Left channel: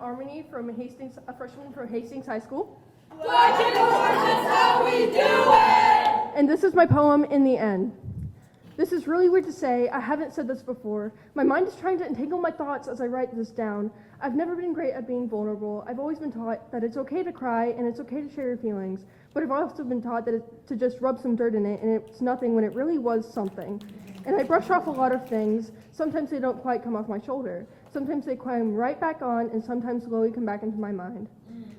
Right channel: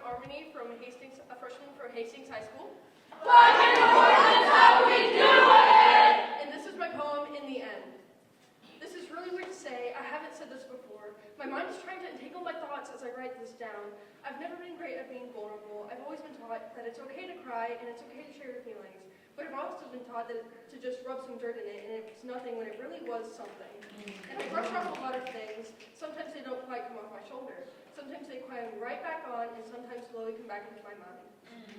Harmony from Hastings, a freshman from Hastings High School. Black and white, that's how we do it! And this is my poem, In the End. This is really weird to say. I haven't said this before. My mind is trying to entangle my thoughts as I write this down. I've never been great at being vulnerable. I've always been taught that it's okay to cry and it's okay to share your feelings. But I've also been taught to just rub some dirt in it and it's nothing when it really was something. And I brush off a lot of things. Sometimes they don't quite come off my shoulder. Sometimes they climb right back on and sometimes slowly come back into my mind.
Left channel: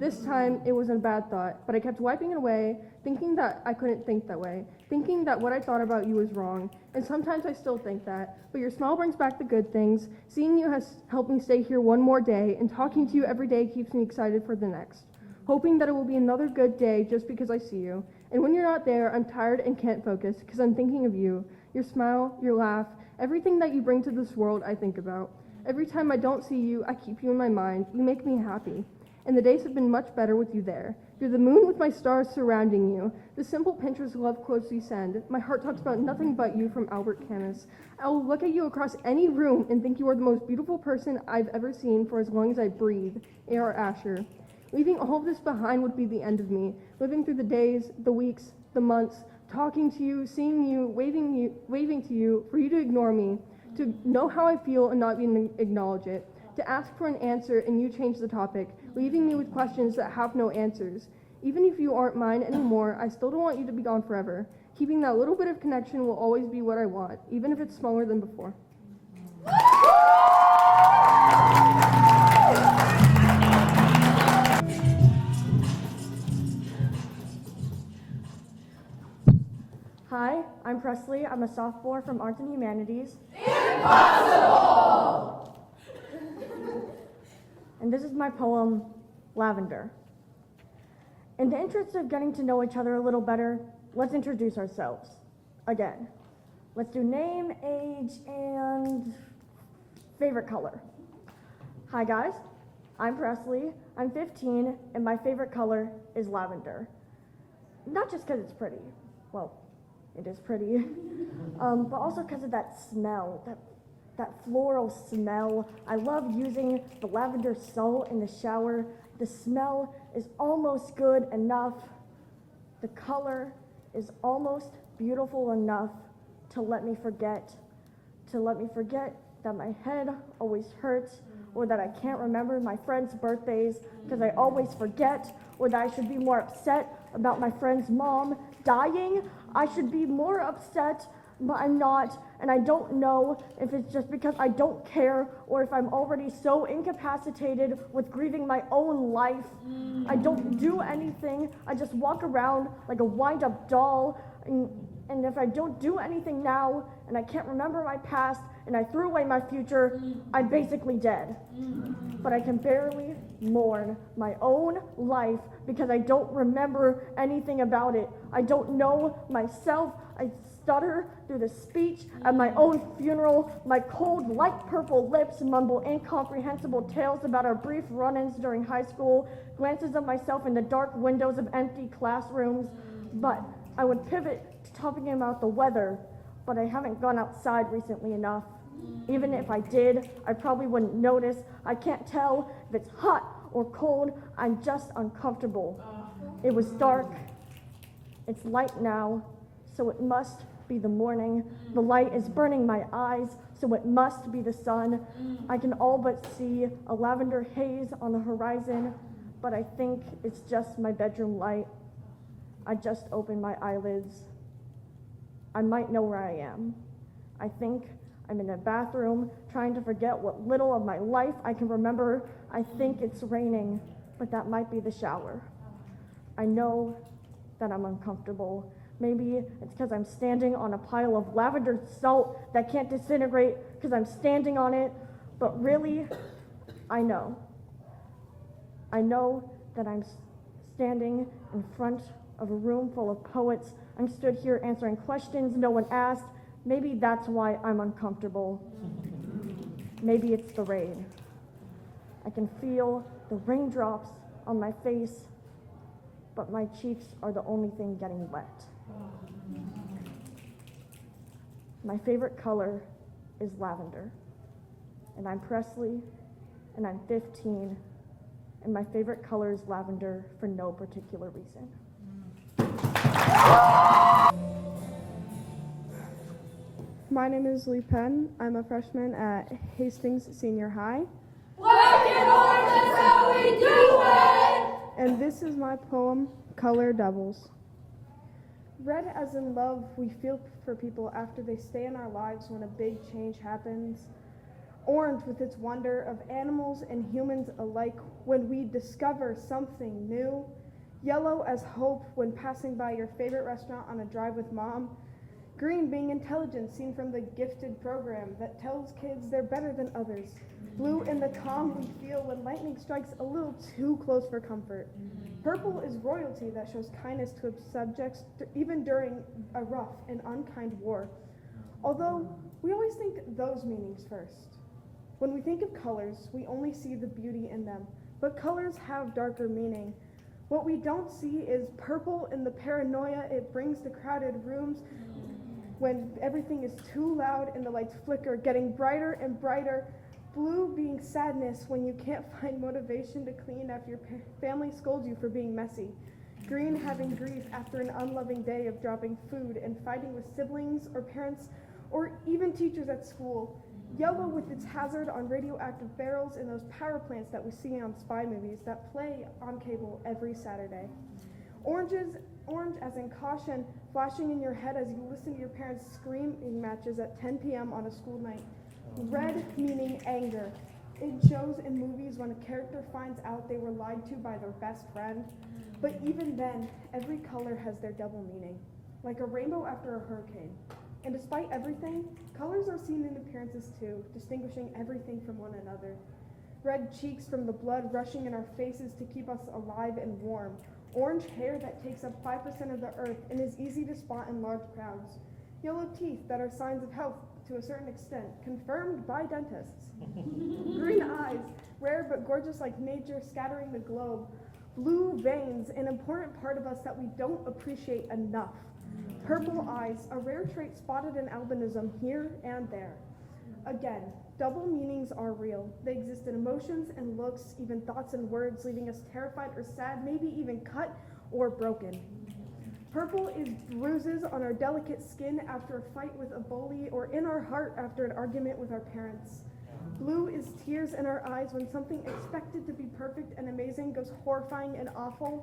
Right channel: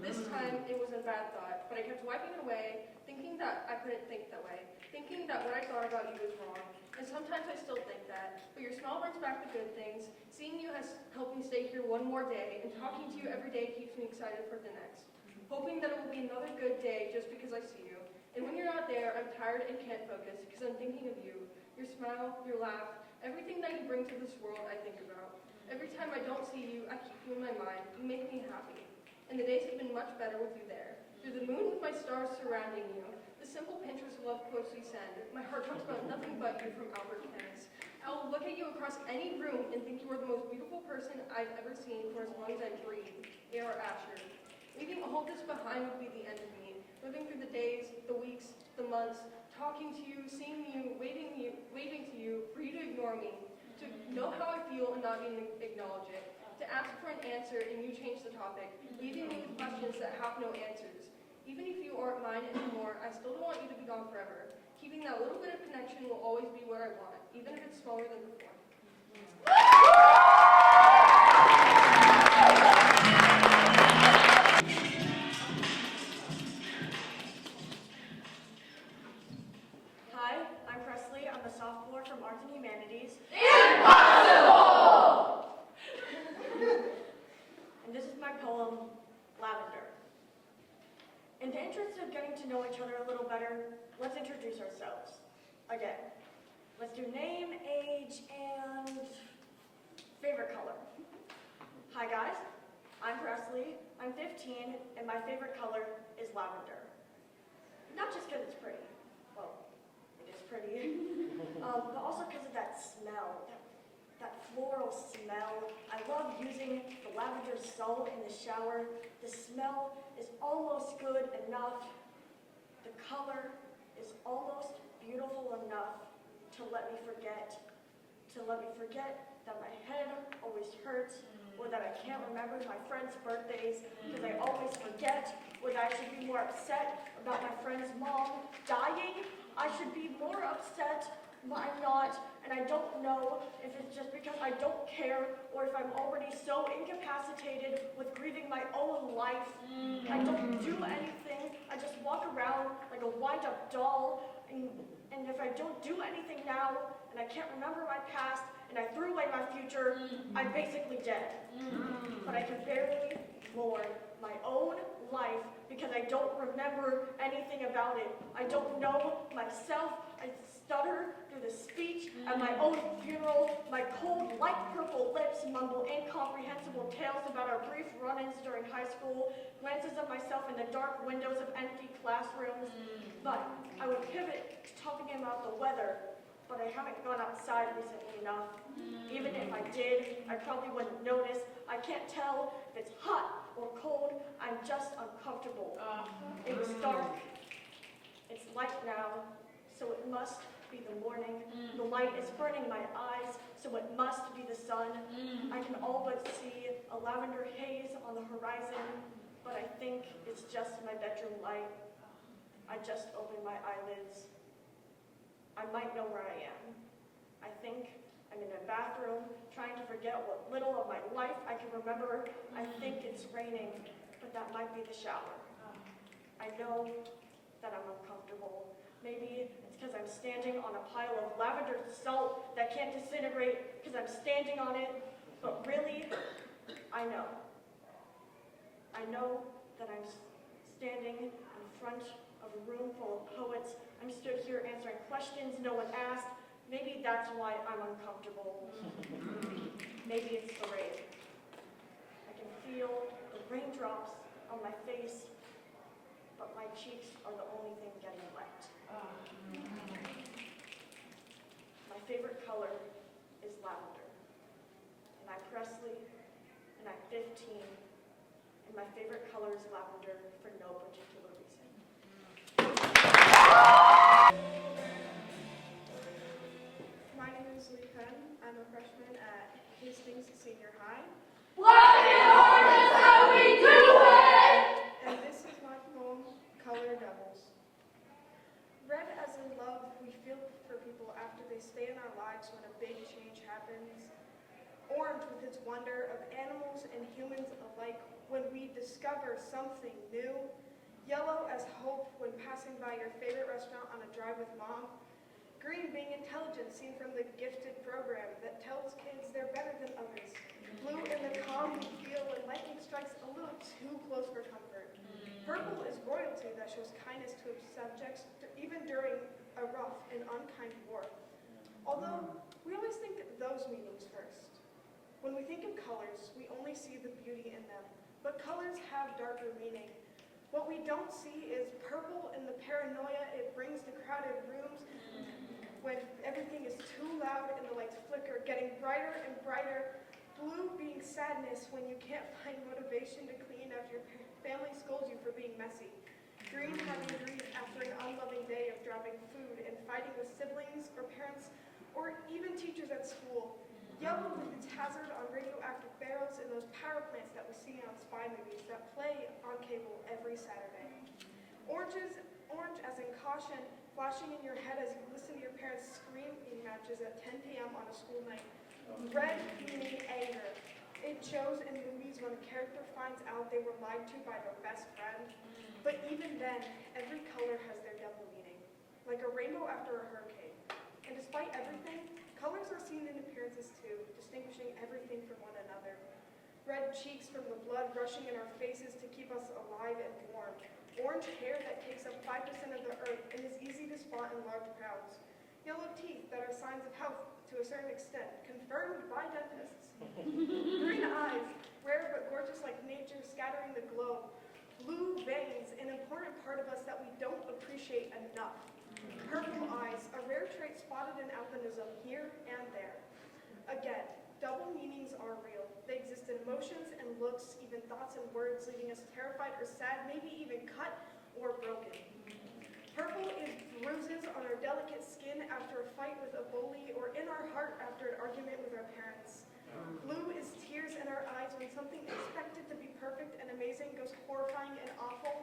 This time, it wasn't a bad thought, but I kept wiping it away, thinking that I couldn't think that way, thinking that what I thought about you was wrong. And sometimes I still think that, but your smile brings back the good things. Seeing you has helped me stay here one more day, and talking to you every day keeps me excited for the next. Hoping that it will be another good day just because I see you. And when you're not there, I'm tired and can't focus, because I'm thinking of you. Your smile, your laugh, everything that you bring to this world I think about. Every time I don't see you, I keep you in my mind. You make me happy. And the days have been much better with you there. You're the moon with my stars surrounding you. The simple Pinterest love quotes you send. My heart talks about nothing but you from Albert Camus. I will look at you across any room and think you are the most beautiful person I've ever seen for as long as I breathe. A.R. Asher. Leaving all of this behind would be the end of me. Living through the days, the weeks, the months, talking to you, seeing you, waving to you, for you to ignore me, to know how I feel and not even acknowledge it, to ask for an answer and you change the topic, leaving me with questions that have no answers. Even if you aren't mine anymore, I still don't want you to be gone forever. Keeping that little bit of connection will always be what I want, even if it's smaller than before. Hi, I'm Presley. I'm a sophomore from Arts and Humanities. Impossible! And this is my poem, Lavender. In the interest of getting to know each other a little better, let's introduce ourselves. Again, let's do name, age, and favorite color. Hi guys, I'm Presley. I'm 15, and my favorite color is lavender. Not just because it's pretty. Well, it is pretty. But also because of that smell, that floral smell. I love using the lavender salt in the shower. The smell is almost good enough. The color is almost beautiful enough to let me forget that my head always hurts, or that I can't remember my friends' birthdays because I always forget, or that I should be more upset about my friend's mom dying. I should be more upset, but I'm not, and I don't know if it's just because I don't care or if I'm already so incapacitated with grieving my own life. I don't do anything. I just walk around like a wind-up doll, and if I don't do anything now, and I can't remember my past, and I threw away my future, I'm basically dead. But I can barely mourn my own life because I don't remember anything about it. I don't know myself. I stutter through the speech at my own funeral. My cold, light purple lips mumble incomprehensible tales about our brief run-ins during high school, glances of myself in the dark windows of empty classrooms. But I would pivot to talking about the weather, but I haven't gone outside recently enough. Even if I did, I probably wouldn't notice. I can't tell if it's hot or cold. I'm just uncomfortable. It was dark. It's light now, so it must be the morning. The light is burning my eyes, so it must be the sun. I can all but see a lavender haze on the horizon, but I think it's just my bedroom light. I just opened my eyelids. I might know where I am. I think I'm in a bathroom trying to forget what little of my life I can remember. I think it's raining, but that might be the shower. I know that I'm uncomfortable. Maybe it's because I'm standing on a pile of lavender salt that can't disintegrate because I'm standing on it, but really, I know. I know that I'm standing in front of a room full of poets. I'm stood here answering questions no one asked. Maybe that's why I'm uncomfortable. Maybe it's the rain. I can feel the raindrops on my face, but my cheeks are the only thing getting wet. My favorite color is lavender, and I'm Presley, and I'm 15, and my favorite color is lavender for no particular reason. My name is Lee Penn. I'm a freshman at Hastings Senior High. Black and orange is how we do it! And this is my poem, Color Devils. Red as in love, we feel for people after they stay in our lives when a big change happens. Orange with its wonder of animals and humans alike when we discover something new. Yellow as hope when passing by your favorite restaurant on a drive with mom. Green being intelligence seen from the gifted program that tells kids they're better than others. Blue in the calm we feel when lightning strikes a little too close for comfort. Purple is royalty that shows kindness to its subjects even during a rough and unkind war. Although we always think those meanings first. When we think of colors, we only see the beauty in them, but colors have darker meaning. What we don't see is purple in the paranoia it brings to crowded rooms when everything is too loud and the lights flicker, getting brighter and brighter. Blue being sadness when you can't find motivation to clean after your family scolds you for being messy. Green having grief after an unloving day of dropping food and fighting with siblings or parents or even teachers at school. Yellow with its hazard on radioactive barrels in those power plants that we see on spy movies that play on cable every Saturday. Orange as in caution, flashing in your head as you listen to your parents' screaming matches at 10 p.m. on a school night. Red meaning anger. It shows in movies when a character finds out they were lied to by their best friend. But even then, every color has their double meaning, like a rainbow after a hurricane. And despite everything, colors are seen in appearances too, distinguishing everything from one another. Red cheeks from the blood rushing in our faces to keep us alive and warm. Orange hair that takes up 5% of the earth and is easy to spot in large crowds. Yellow teeth that are signs of health to a certain extent, confirmed by dentists. Green eyes, rare but gorgeous like nature scattering the globe. Blue veins, an important part of us that we don't appreciate enough. Purple eyes, a rare trait spotted in albinism here and there. Again, double meanings are real. They exist in emotions and looks, even thoughts and words, leaving us terrified or sad, maybe even cut or broken. Purple is bruises on our delicate skin after a fight with a bully or in our heart after an argument with our parents. Blue is tears in our eyes when something expected to be perfect and amazing goes horrifying and awful.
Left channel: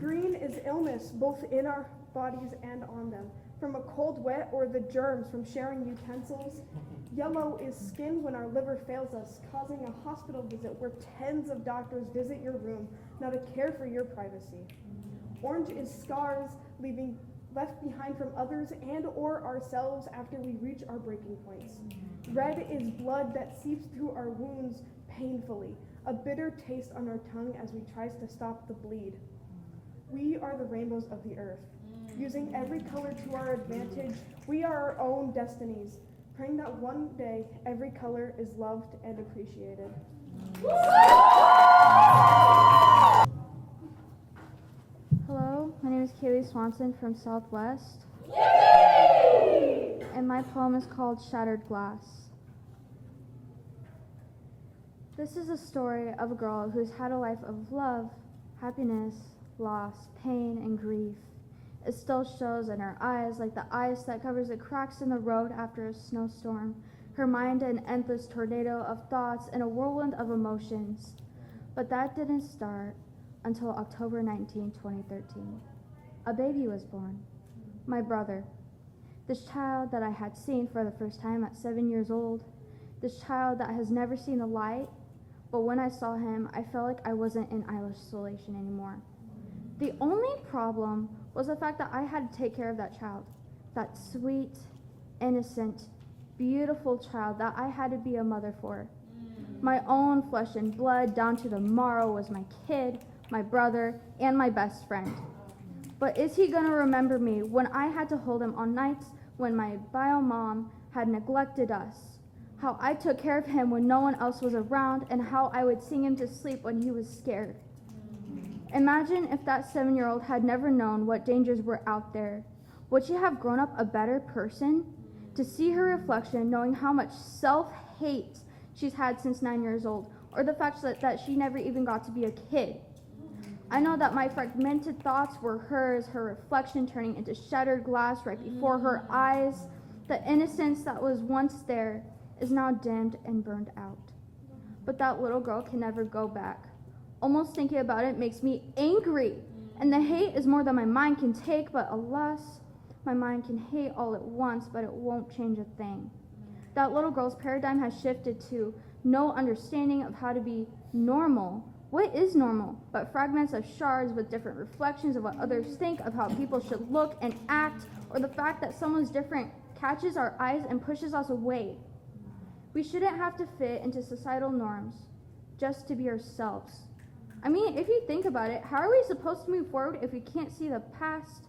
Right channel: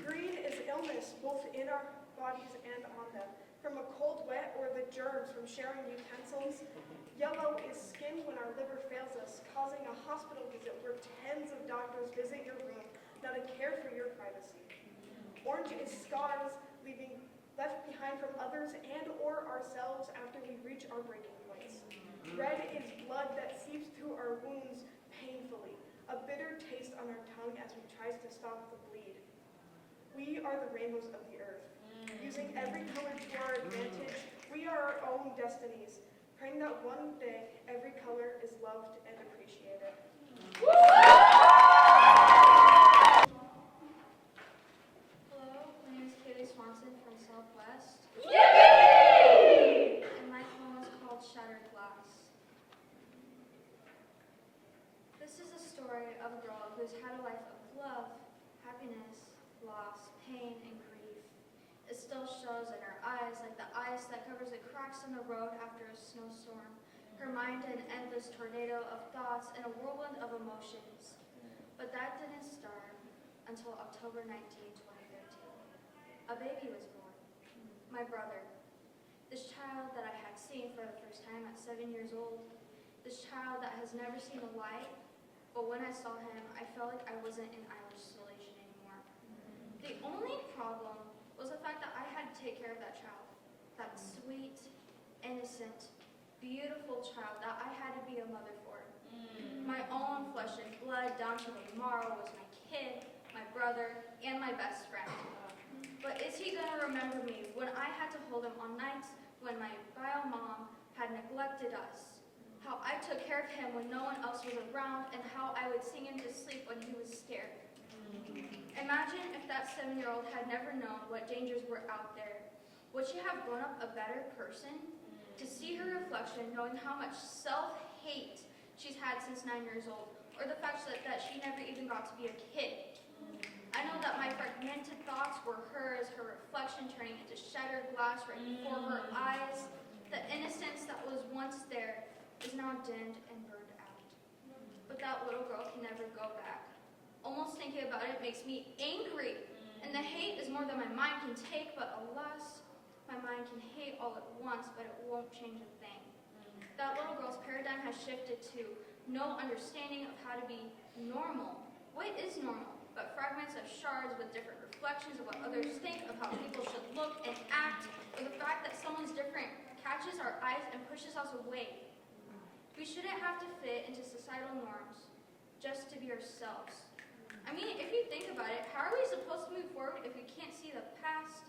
Green is illness, both in our bodies and on them, from a cold wet or the germs from sharing utensils. Yellow is skin when our liver fails us, causing a hospital visit where tens of doctors visit your room, not a care for your privacy. Orange is scars left behind from others and or ourselves after we reach our breaking points. Red is blood that seeps through our wounds painfully, a bitter taste on our tongue as we try to stop the bleed. We are the rainbows of the earth. Using every color to our advantage, we are our own destinies, praying that one day every color is loved and appreciated. Hello, my name is Kaylee Swanson from Southwest. Yippee! And my poem is called Shattered Glass. This is a story of a girl who's had a life of love, happiness, loss, pain, and grief. It still shows in her eyes like the ice that covers the cracks in the road after a snowstorm. Her mind an endless tornado of thoughts and a whirlwind of emotions. But that didn't start until October 19, 2013. A baby was born. My brother. This child that I had seen for the first time at 7 years old. This child that has never seen a light, but when I saw him, I felt like I wasn't in isolation anymore. The only problem was the fact that I had to take care of that child. That sweet, innocent, beautiful child that I had to be a mother for. My own flesh and blood down to the marrow was my kid, my brother, and my best friend. But is he gonna remember me when I had to hold him on nights when my bio mom had neglected us? How I took care of him when no one else was around, and how I would sing him to sleep when he was scared. Imagine if that 7-year-old had never known what dangers were out there. Would she have grown up a better person? To see her reflection, knowing how much self-hate she's had since 9 years old, or the fact that she never even got to be a kid. I know that my fragmented thoughts were hers, her reflection turning into shattered glass right before her eyes. The innocence that was once there is now dimmed and burned out. But that little girl can never go back. Almost thinking about it makes me angry. And the hate is more than my mind can take, but alas, my mind can hate all at once, but it won't change a thing. That little girl's paradigm has shifted to no understanding of how to be normal. What is normal but fragments of shards with different reflections of what others think of how people should look and act, or the fact that someone's different catches our eyes and pushes us away. We shouldn't have to fit into societal norms just to be ourselves. I mean, if you think about it, how are we supposed to move forward if we can't see the past?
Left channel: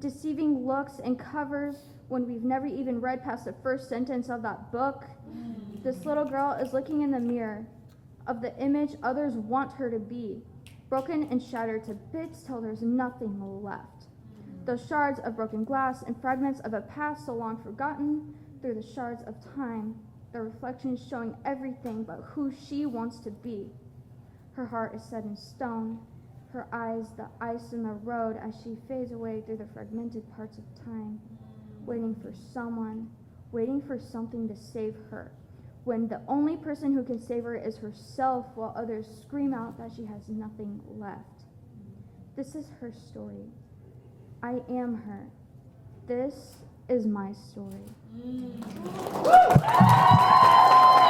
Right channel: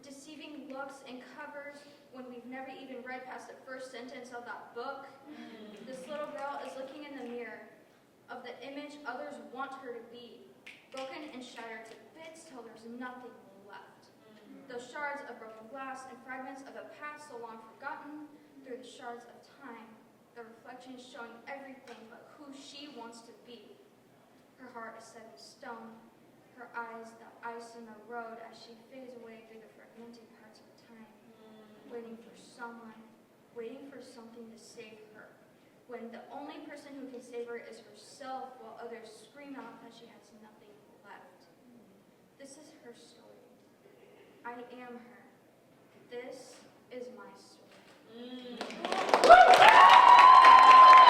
Deceiving looks and covers when we've never even read past the first sentence of that book. This little girl is looking in the mirror of the image others want her to be, broken and shattered to bits till there's nothing left. Those shards of broken glass and fragments of a past so long forgotten through the shards of time, the reflections showing everything but who she wants to be. Her heart is set in stone, her eyes the ice in the road as she fades away through the fragmented parts of time, waiting for someone, waiting for something to save her, when the only person who can save her is herself, while others scream out that she has nothing left. This is her story. I am her. This is my story.